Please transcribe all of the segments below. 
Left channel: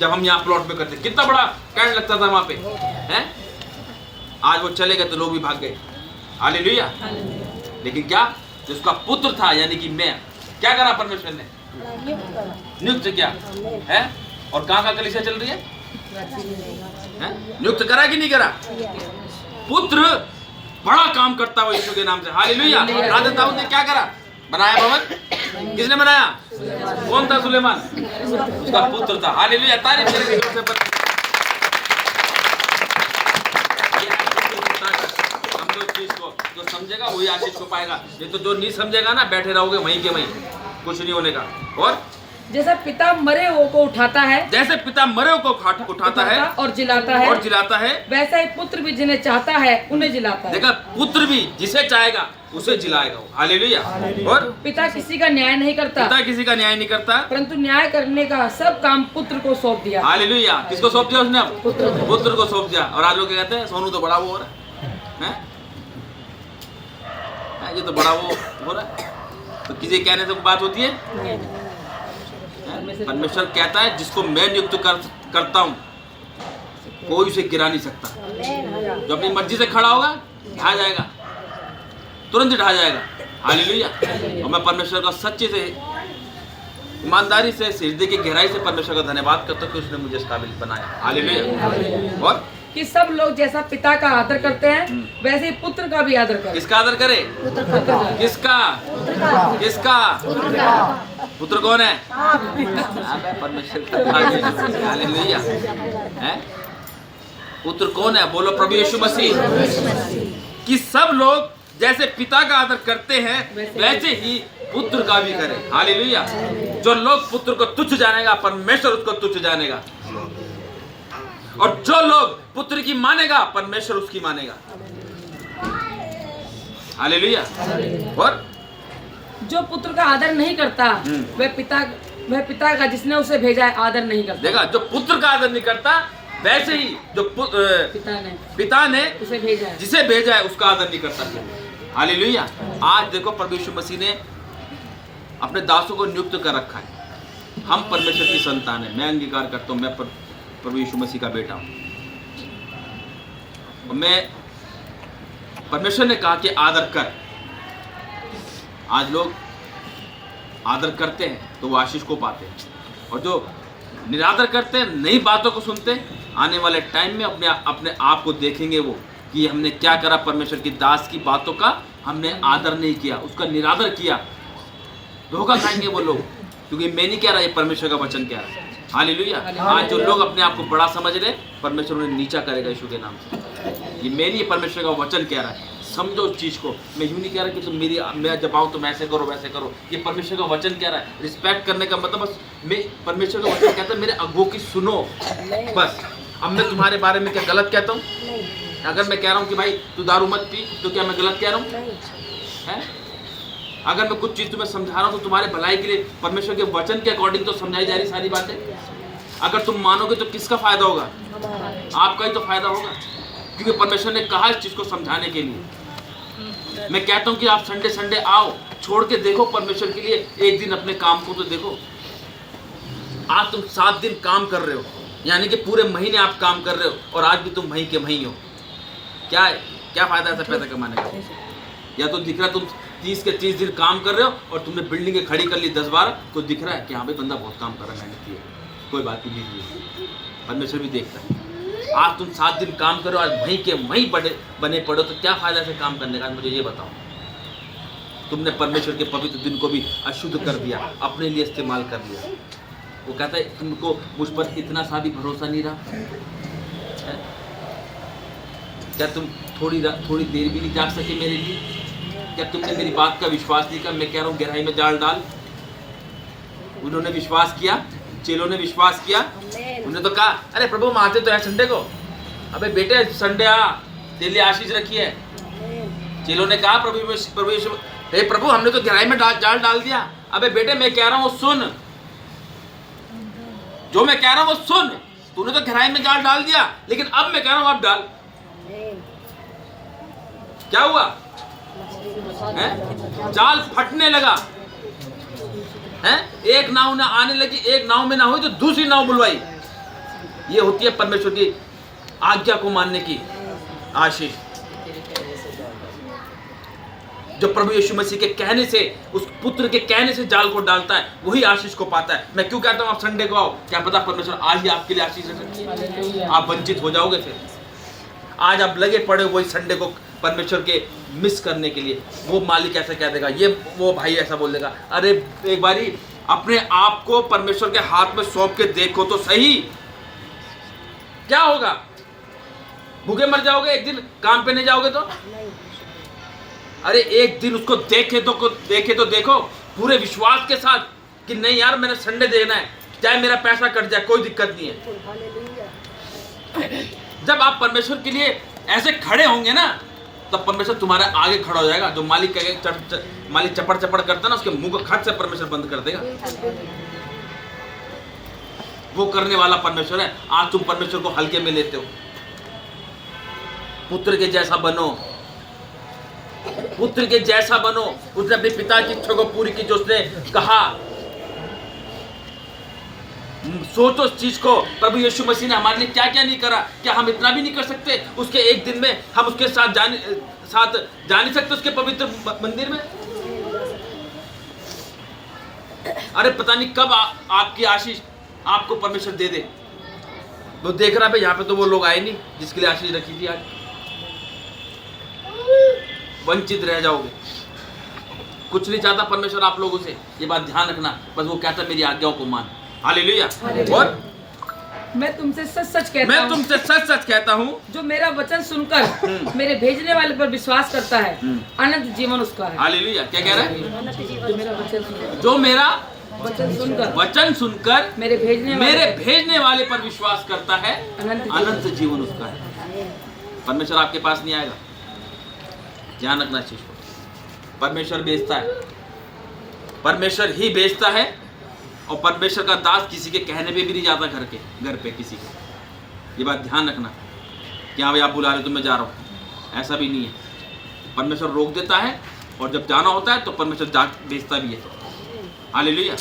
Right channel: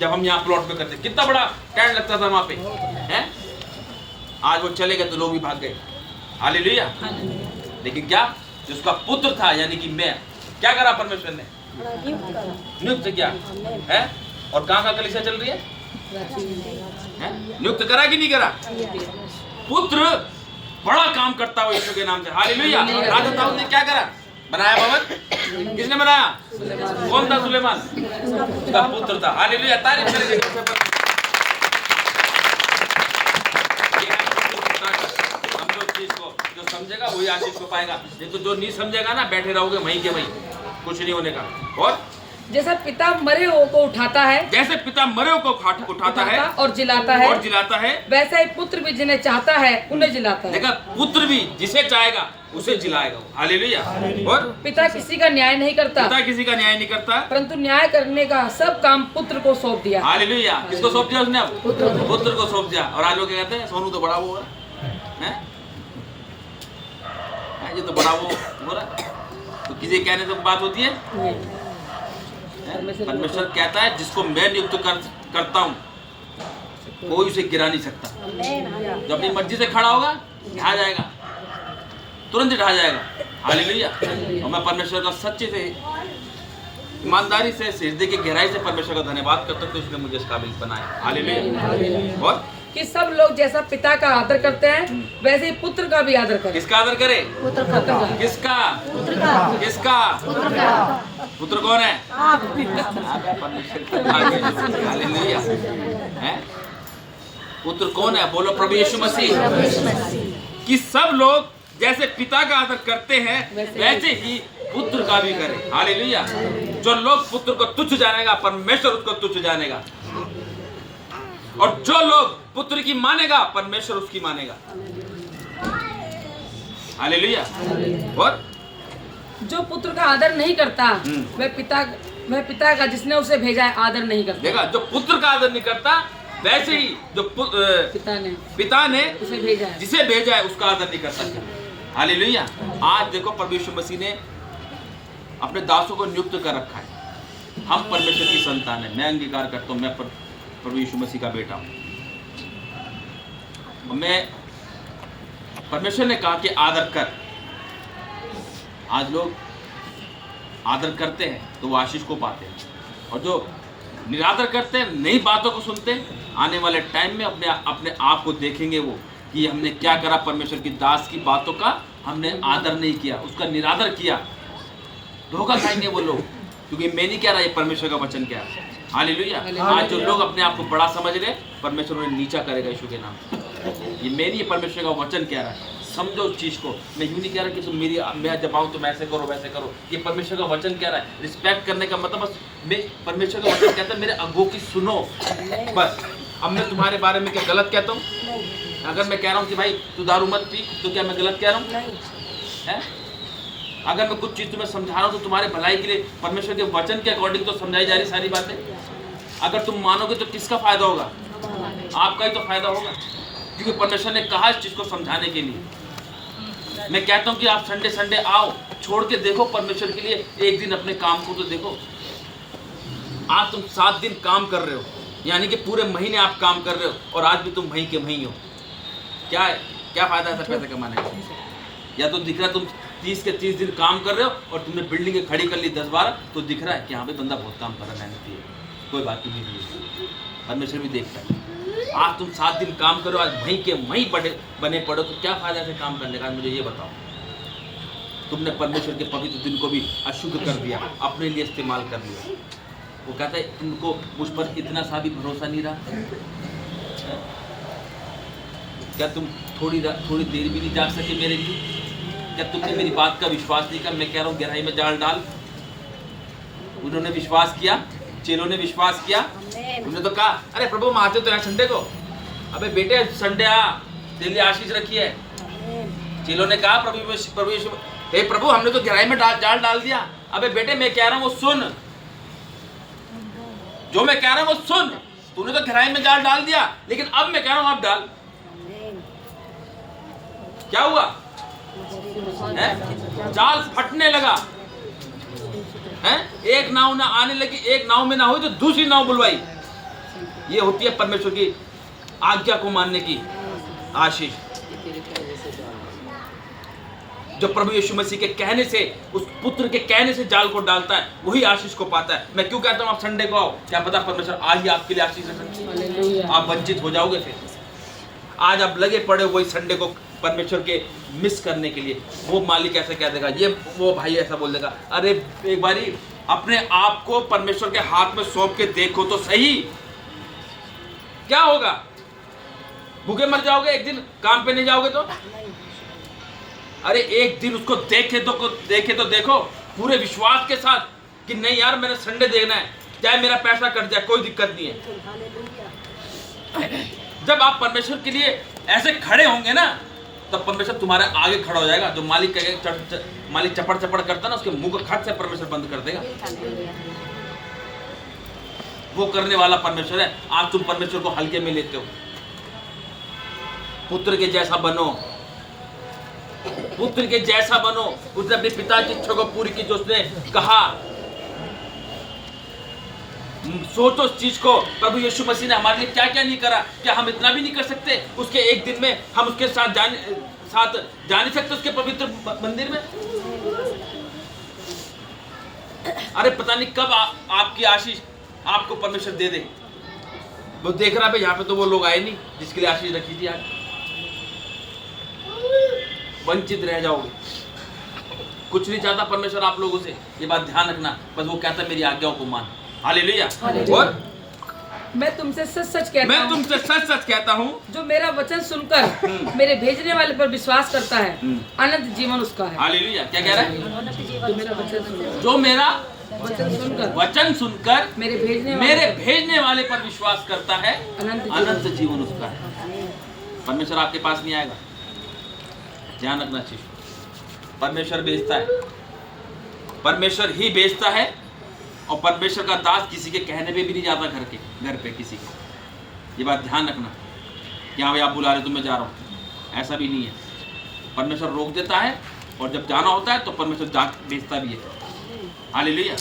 जब हम यहाँ प्लॉट में करते, कितना बड़ा कैंड लगता था वहां पे, हैं? आज वो चले गए तो लोग भी भाग गए। हालेलुया। लेकिन क्या, जिसका पुत्र था यानी कि मैं, क्या करा परमेश्वर ने? नियुक्त किया है। और कहाँ कलीसिया चल रही है? नियुक्त करा कि नहीं करा? पुत्र बड़ा काम करता है यीशु के नाम से। हालेलुया। राजा दाऊद ने क्या करा? बनाया भवन। किसने बनाया? कौन था? सुलेमान, उसका पुत्र था। हालेलुया। तारीफ करेंगे जोर से। हम तो चीज को जो समझेगा वही आशीष को पाएगा, ये तो जो नहीं समझेगा ना, बैठे रहोगे वहीं के वहीं, कुछ नहीं होने का। और जैसा पिता मरे हुए को उठाता है, जैसे पिता मरे को उठाता है और जिलाता है, वैसा ही पुत्र भी जिन्हें चाहता है उन्हें जिलाता है। देखा, पुत्र भी जिसे चाहेगा उसे जिलाएगा। हालेलुया। और पिता किसी का न्याय नहीं करता, परंतु न्याय करने का सब काम पुत्र को सौंप दिया। हालेलुया। किसको सौंप दिया उसने? अब पुत्र को सौंप दिया। और आज लोग क्या कहते हैं? सोनू तो बड़ा वो हो रहा है, ये तो बड़ा वो हो रहा है। तो किसी कहने से बात होती है? परमेश्वर कहता है जिसको मैं नियुक्त करता हूँ कोई उसे गिरा नहीं सकता। जो अपनी मर्जी से खड़ा होगा ढा जाएगा, तुरंत ढा जाएगा। हालेलुया। और मैं परमेश्वर का सच्चे से, ईमानदारी से, हृदय की गहराई से परमेश्वर का धन्यवाद करता हूँ कि उसने मुझे इस काबिल बनाया। हालेलुया। और कि सब लोग जैसा पिता का आदर करते हैं वैसे ही पुत्र का भी आदर करें। किसका आदर करे? किसका? पुत्र कौन है? परमेश्वर का। हालेलुया। पुत्र कौन है? बोलो प्रभु यीशु मसीह। कि सब लोग जैसे पिता का आदर करते हैं वैसे ही पुत्र का भी करें। हालेलुया। जो लोग पुत्र को तुच्छ जानेगा परमेश्वर उसको तुच्छ जानेगा, और जो लोग पुत्र की मानेगा परमेश्वर उसकी मानेगा। हालेलुया। और जो पुत्र का आदर नहीं करता वह पिता का जिसने उसे भेजा है आदर नहीं करता। देखा, जो पुत्र का आदर नहीं करता वैसे ही जो पिता ने जिसे भेजा है उसका आदर नहीं करता। हालेलुया। आज देखो प्रभु यीशु मसीह ने अपने दासों को नियुक्त कर रखा है। हम परमेश्वर की संतान है। मैं अंगीकार करता हूँ मैं प्रभु यीशु मसीह का बेटा हूँ। मैं, परमेश्वर ने कहा कि आदर कर। आज लोग आदर करते हैं तो वो आशीष को पाते हैं, और जो निरादर करते हैं, नई बातों को सुनते हैं, आने वाले टाइम में अपने आप को देखेंगे वो कि हमने क्या करा। परमेश्वर की दास की बातों का हमने आदर नहीं किया, उसका निरादर किया, धोखा खाएंगे वो लोग। क्योंकि मैं नहीं कह रहा, ये परमेश्वर का वचन कह रहा है। हालेलुया। आज जो लोग अपने आप को बड़ा समझ रहे, परमेश्वर उन्हें नीचा करेगा यीशु के नाम से। ये मेरी परमेश्वर का वचन कह रहा है। समझो उस चीज को। मैं यूं नहीं कह रहा कि तुम मैं जब आऊँ तो मैं ऐसे करो वैसे करो। ये परमेश्वर का वचन कह रहा है। रिस्पेक्ट करने का मतलब बस, मैं परमेश्वर का वचन कहता है मेरे अगुओं की सुनो बस। अब मैं तुम्हारे बारे में क्या गलत कहता हूँ? अगर मैं कह रहा हूँ कि भाई तू दारू मत पी, तो क्या मैं गलत कह रहा हूँ? अगर मैं कुछ चीज़ तुम्हें समझा रहा हूँ तो तुम्हारे भलाई के लिए परमेश्वर के वचन के अकॉर्डिंग तो समझाई जा रही सारी बातें। अगर तुम मानोगे तो किसका फायदा होगा? आपका ही तो फायदा होगा, क्योंकि परमेश्वर ने कहा इस चीज़ को समझाने के लिए। मैं कहता हूँ कि आप संडे आओ, छोड़ के देखो परमेश्वर के लिए एक दिन अपने काम को तो देखो। आज तुम 7 दिन काम कर रहे हो, यानी कि पूरे महीने आप काम कर रहे हो, और आज भी तुम वहीं के वहीं हो। क्या है? क्या फायदा ऐसा पैसा कमाने का? या तो दिख रहा तुम 30 के 30 दिन काम कर रहे हो और तुमने बिल्डिंगें खड़ी कर ली 10-12, तो दिख रहा है कि हाँ भाई बंदा बहुत काम कर रहा है, मेहनती है, कोई बात नहीं है। परमेश्वर भी देखता है। आज तुम 7 दिन काम करो, आज वहीं के वहीं बने पड़ो, तो क्या फायदा से काम करने का? मुझे ये बताओ। तुमने परमेश्वर के पवित्र दिन को भी अशुद्ध कर दिया, अपने लिए इस्तेमाल कर लिया। वो कहता है तुमको मुझ पर इतना सा भी भरोसा नहीं रहा? क्या तुम थोड़ी देर भी नहीं जाग सके मेरे लिए? क्या तुमने मेरी बात का विश्वास नहीं किया? मैं कह रहा हूँ गहराई में जाल डाल। उन्होंने विश्वास किया, चेलों ने विश्वास किया। उन्होंने तो कहा अरे प्रभु हम आते तो है संडे को। अबे बेटे संडे आ, तेरे लिए आशीष रखी है। चेलों ने कहा प्रभु हमने तो गहराई में जाल डाल दिया। अबे बेटे मैं कह रहा हूँ वो सुन, जो मैं कह रहा हूँ वो सुन। तूने तो गहराई में जाल डाल दिया, लेकिन अब मैं कह रहा हूँ अब डाल। क्या हुआ? जाल फटने लगा है। एक नाव ना आने लगी, एक नाव में ना हुई तो दूसरी नाव बुलवाई। ये होती है परमेश्वर की आज्ञा को मानने की आशीष। जो प्रभु यीशु मसीह के कहने से, उस पुत्र के कहने से जाल को डालता है, वही आशीष को पाता है। मैं क्यों कहता हूं आप संडे को आओ, क्या पता परमेश्वर आज ही आपके लिए आशीष रख सकती है। आप वंचित हो जाओगे फिर। आज आप लगे पड़े हो वही संडे को परमेश्वर के मिस करने के लिए। वो मालिक ऐसे कह देगा, ये वो भाई ऐसा बोल देगा, अरे एक बारी अपने आप को परमेश्वर के हाथ में सौंप के देखो तो सही, क्या होगा? भूखे मर जाओगे एक दिन, काम पे नहीं जाओगे तो? अरे एक दिन उसको देखे तो देखो पूरे विश्वास के साथ कि नहीं यार मैंने संडे देखना है, चाहे मेरा पैसा कट जाए कोई दिक्कत नहीं है। जब आप परमेश्वर के लिए ऐसे खड़े होंगे ना, तब परमेश्वर तुम्हारे आगे खड़ा हो जाएगा। जो मालिक कहेगा, मालिक चपड़ चपड़ करता ना, उसके मुंह को खट से परमेश्वर बंद कर देगा। वो करने वाला परमेश्वर है। आज तुम परमेश्वर को हल्के में लेते हो। पुत्र के जैसा बनो, पुत्र के जैसा बनो। उसने अपने पिता की इच्छा को पूरी की जो उसने कहा। सोचो उस चीज को, प्रभु यीशु मसीह ने हमारे लिए क्या क्या नहीं करा। क्या हम इतना भी नहीं कर सकते? उसके एक दिन में हम उसके साथ जा नहीं सकते उसके पवित्र मंदिर में? अरे पता नहीं कब आपकी आशीष आपको परमेश्वर दे दे। वो देख रहा है यहाँ पे तो वो लोग आए नहीं जिसके लिए आशीष रखी थी। आज वंचित रह जाओगे। कुछ नहीं चाहता परमेश्वर आप लोगों से, ये बात ध्यान रखना। बस वो कहता है मेरी आज्ञाओं को मान। हालेलुया। और मैं तुमसे सच सच कहता हूँ, जो मेरा वचन सुनकर मेरे भेजने वाले पर विश्वास करता है, अनंत जीवन उसका है। हालेलुया। क्या कह रहा है? जो मेरा वचन सुनकर मेरे भेजने वाले पर विश्वास करता है, अनंत जीवन उसका है। परमेश्वर आपके पास नहीं आएगा। ध्यान रखना चीज को। परमेश्वर भेजता है, परमेश्वर ही भेजता है। और परमेश्वर का दास किसी के कहने पे भी नहीं जाता घर पे किसी के। ये बात ध्यान रखना कि हाँ भाई आप बुला रहे हो तो मैं जा रहा हूँ, ऐसा भी नहीं है। परमेश्वर रोक देता है और जब जाना होता है तो परमेश्वर भेजता भी है। हालेलुया।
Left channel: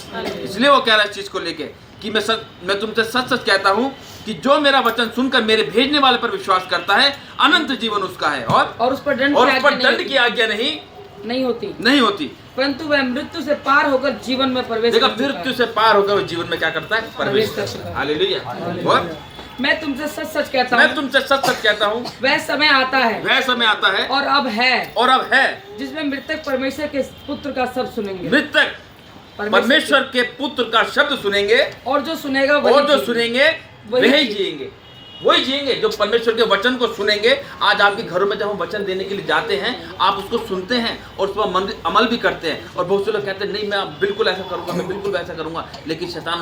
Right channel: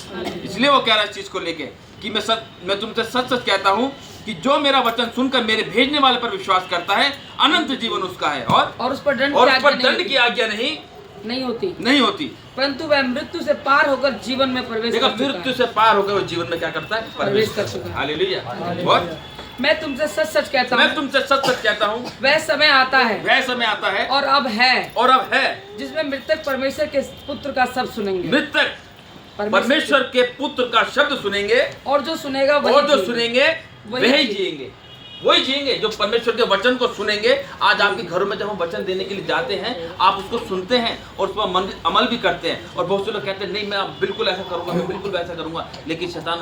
इसलिए वो कह रहा है इस चीज को लेके कि मैं तुमसे सच सच कहता हूँ कि जो मेरा वचन सुनकर मेरे भेजने वाले पर विश्वास करता है, अनंत जीवन उसका है। और उस पर दंड की आज्ञा नहीं होती, परंतु वह मृत्यु से पार होकर जीवन में प्रवेश देखा, मृत्यु से पार होकर वो जीवन में क्या करता है? प्रवेश करता है। हालेलुया। और मैं तुमसे सच सच कहता हूँ वह समय आता है और अब है जिसमें मृतक परमेश्वर के पुत्र का शब्द सुनेंगे। मृतक परमेश्वर के पुत्र का शब्द सुनेंगे, और जो सुनेगा वही जिएंगे जो परमेश्वर के वचन को सुनेंगे। आज आपके घरों में जब हम वचन देने के लिए जाते हैं, आप उसको सुनते हैं और उस पर अमल भी करते हैं। और बहुत से लोग कहते हैं नहीं मैं बिल्कुल ऐसा करूंगा, मैं बिल्कुल वैसा करूंगा। लेकिन शैतान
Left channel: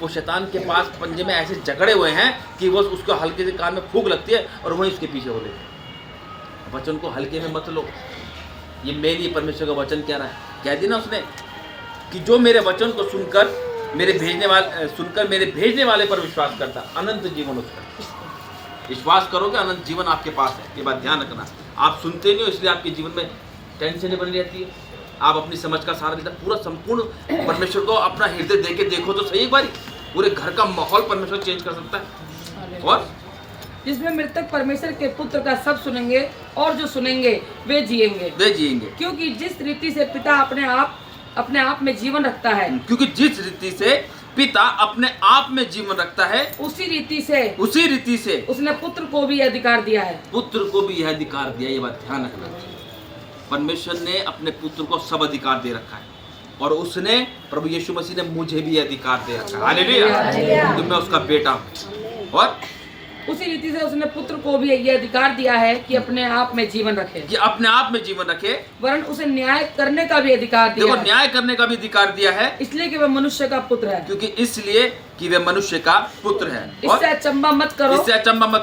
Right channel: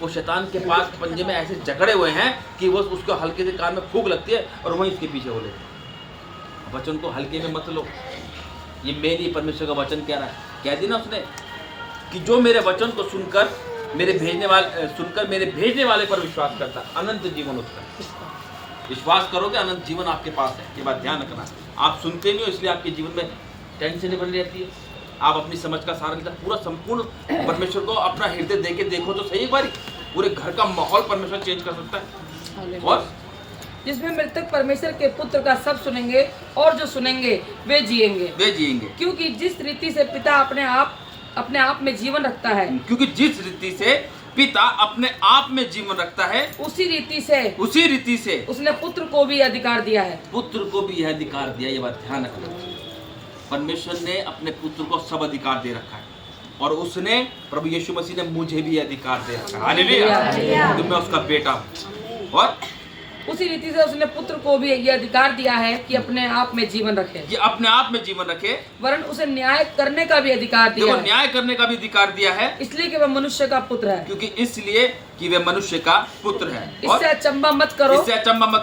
वो शैतान के पास पंजे में ऐसे जकड़े हुए हैं कि वो उसको हल्के से कान में फूंक लगती है और वहीं उसके पीछे हो लेते हैं। वचन को हल्के में मत लो। ये मेन ही परमेश्वर का वचन कह रहा है। कह दी ना उसने कि जो मेरे वचन को सुनकर मेरे भेजने वाले पर विश्वास करता, अनंत जीवन उसका। विश्वास करोगे अनंत जीवन आपके पास है। ये बात ध्यान रखना। आप सुनते नहीं हो इसलिए आपके जीवन में टेंशन बनी रहती है। आप अपनी समझ का सहारा लेते, पूरा संपूर्ण परमेश्वर को अपना हृदय देके देखो तो सही। एक बारी पूरे घर का माहौल परमेश्वर चेंज कर सकता है। और जिसमें मृतक परमेश्वर के पुत्र का शब्द सुनेंगे और जो सुनेंगे वे जिएंगे। क्योंकि जिस रीति से पिता अपने आप में जीवन रखता है, उसी रीति से उसने पुत्र को भी अधिकार दिया है। ये बात ध्यान रखना। परमेश्वर ने अपने पुत्र को सब अधिकार दे रखा है और उसने प्रभु यीशु मसीह ने मुझे भी अधिकार दे रखा है। हालेलुया। तो मैं उसका बेटा हूँ। और उसी रीति से उसने पुत्र को भी ये अधिकार दिया है कि अपने आप में जीवन रखे, वरन उसे न्याय करने का भी अधिकार दिया है। इसलिए कि वह मनुष्य का पुत्र है। इससे अचंभा मत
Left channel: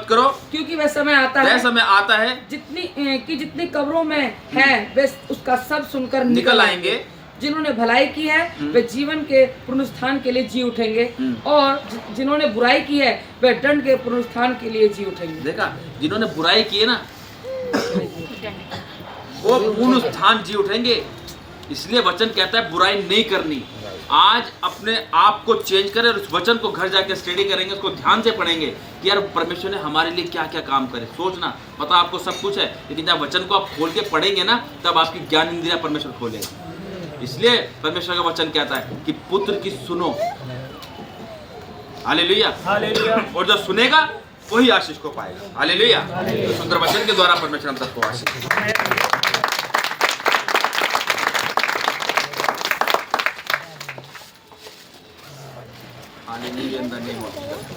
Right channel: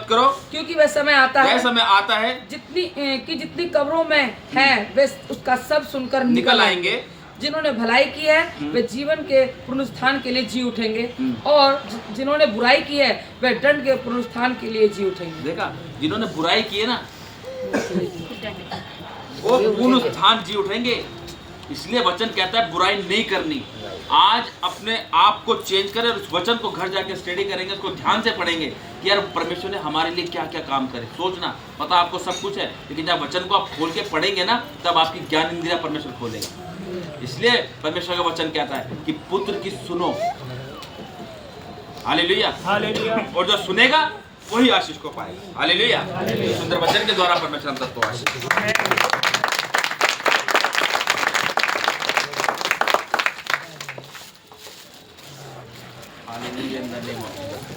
करो, क्योंकि वह समय आता है जितनी कब्रों में है वे उसका सब सुनकर निकल आएंगे। जिन्होंने भलाई की है वे जीवन के पुनरुत्थान के लिए जी उठेंगे, और जिन्होंने बुराई की है वे दंड के पुनरुत्थान के लिए जी उठेंगे। देखा, जिन्होंने बुराई की है ना वो पुनरुत्थान जी उठेंगे। इसलिए वचन कहता है बुराई नहीं करनी, आज अपने आप को चेंज करें और उस वचन को घर जाके स्टडी करेंगे, उसको ध्यान से पढ़ेंगे कि यार परमेश्वर ने हमारे लिए क्या क्या काम करे। सोचना पता आपको सब कुछ है, लेकिन जब वचन को आप खोल के पढ़ेंगे ना, तब आपकी ज्ञान इंद्रिया परमेश्वर खोलेगा। इसलिए परमेश्वर का वचन कहता है कि पुत्र की सुनो, हालेलुया, हालेलुया, और जो सुनेगा वही आशीष को पाएगा। हालेलुया। तो सुंदर वचन के द्वारा परमेश्वर हम सबको आशीष दे। Hallelujah in the name of Jesus.